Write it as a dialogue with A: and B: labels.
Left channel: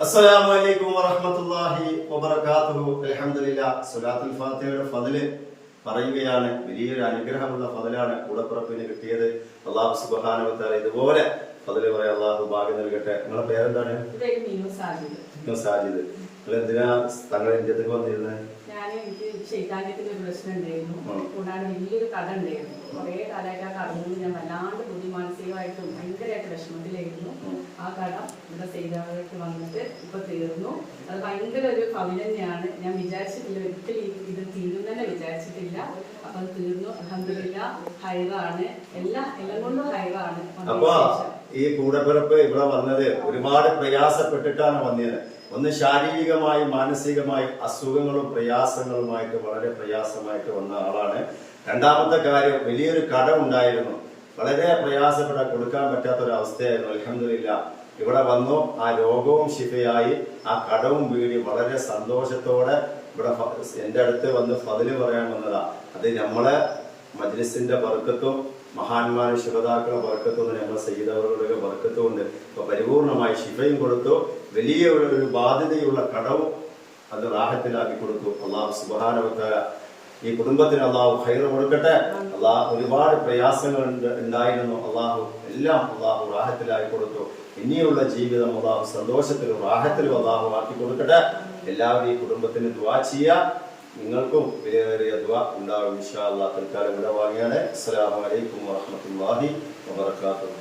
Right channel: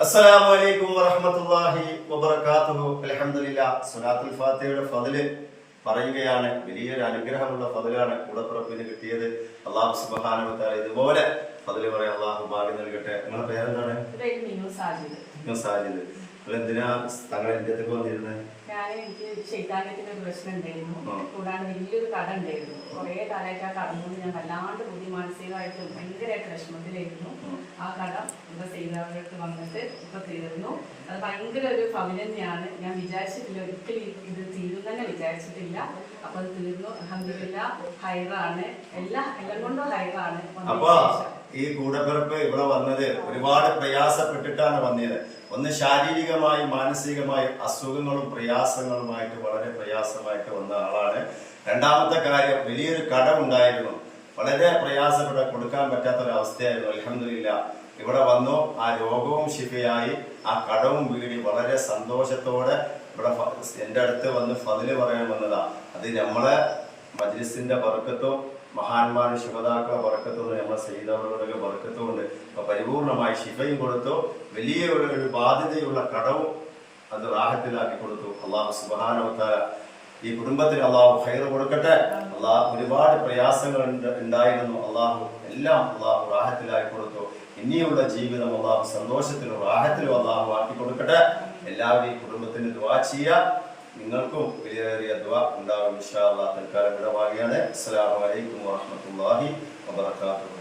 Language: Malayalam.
A: അസ്സലാമു അലൈക്കും വറഹമത്തല്ലാഹി വബർക്കാത്തുഹു അലഹമുല്ല സുലാത്തുൽ ഫാത്തിഹയുടെ ഫതിൽ പറയുകയാണ്. വലിയൊരു അനുഗ്രഹമുള്ള ഫതിലാണ് കൂടപ്പുറപ്പിന് കിട്ടിയത്. അള്ളാഹു സുബാനവത്താൽ ഇതുപോലെ ഫതിൽ പറയാം അള്ളാഹു ഭാഗ്യം നൽകട്ടെ. നിങ്ങളെ പേരെന്താണ്? സാജിദ്. എന്തിനാ തങ്ങളെ ഇന്ത്യത്തേക്ക് വന്നിരുന്നത്
B: ഞാൻ എനിക്ക് ശൈതാനത്തിന്റെ ഒരു പ്രശ്നം ഉണ്ടായിരുന്നു. കൂടാതെ വലിയൊരു കഥ ഉണ്ടായിരുന്നു. കുറെ കാലമായിട്ട് ആ കടന്നുകൊണ്ട് ഞാൻ വല്ലാണ്ട് ബുദ്ധി മാനസികമായിട്ടും ഭയങ്കരമായിട്ട് വിഷമത്തിലായിരുന്നു. ആ. കട സൈതാവഴത്ത് വന്നിട്ട് ഇപ്പൊ തീർന്നു. അത് ഭയങ്കര ഒരു ഭവനം ഞാൻ വിചാരിച്ചിട്ടില്ല ഒരിക്കലും ഇത് ഇത് തന്നെ വിചാരിച്ചിട്ടില്ല. അപ്പൊ അത് തീർന്നു. അഹമ്മദില്ല ഹൈറാണ്. എല്ലാ എല്ലാം കൊണ്ടും ഹൈറാണ്.
A: ഈ കൂടപ്പിറപ്പ് ഇവിടെ വന്നത് ഒരുപാട് പ്രയാസപ്പെട്ടിട്ടാണ് വന്നത്. ഒന്ന് ശാരീരികമായും മാനസികമായും അസുഖങ്ങളും പ്രയാസങ്ങളുമായിട്ട് വളരെ പ്രയാസമായിട്ട് വന്ന ആളാണ്. രണ്ടാമത്തെ കാര്യം വലിയൊരു കടമുണ്ടായിരുന്നു വളരെ പ്രയാസപ്പെട്ട് കൊടുക്കാൻ പറ്റാത്ത ഒരു അവസ്ഥയായിരുന്നു അലഹമില്ല ഇവിടെ വന്നു ആ രോഗവും ശിഫയായി ആ കടവും വീടി വളരെ സന്തോഷത്തോടെ ഇവിടെ എന്റെ അടുത്ത് വന്ന് ഫതിൽ പറയാൻ വന്നതാ. അത് നമ്മളെ മജ്ലിസിന്റെ വർക്കത്വം മഹാന്മാരും ശുഭതാക്കളെ വർക്കത്വം നമ്മൾ സയ്യിദവറുകളുടെ ബർക്കത്തും ഉണ്ട് അപ്പൊ പരിപൂർണമായി ശിഫയും കൊടുത്തു. വലിയ ഒരു ബാധ്യതയുള്ള കടവും അത് റാഹത്തിലാക്കി കൊടുത്തു. അള്ളാഹു സുബാനവത്താല ഈ കുടുംബത്തിന് അള്ളാഹു ഹൈർ കൊടുക്കട്ടെ. അള്ളാഹു ഒരുപാട് പ്രയാസങ്ങൾ ഉണ്ടായിരുന്നു. അള്ളാഹു എല്ലാം അള്ളാഹു റാഹത്തിലായി കൊടുത്തു. ഇനിയുള്ള ജീവിതം അള്ളാഹു സന്തോഷത്തിലും റാഹത്തിലും അള്ളാഹു ആക്കി കൊടുക്കട്ടെ. എല്ലാവരും ഈ കുടുംബത്തിന് ദ്വാ ചെയ്യുക നിങ്ങൾക്കും വിലയേറിയ ദ്വാ ഉണ്ടാകും ഇൻഷാ അള്ളാഹ് തൽക്കാലം ഇവിടെ വാങ്ങിയാണ് അസ്സലാമു അലൈക്കും വറഹ്മത്തുള്ളാഹി വബറകാതുഹു.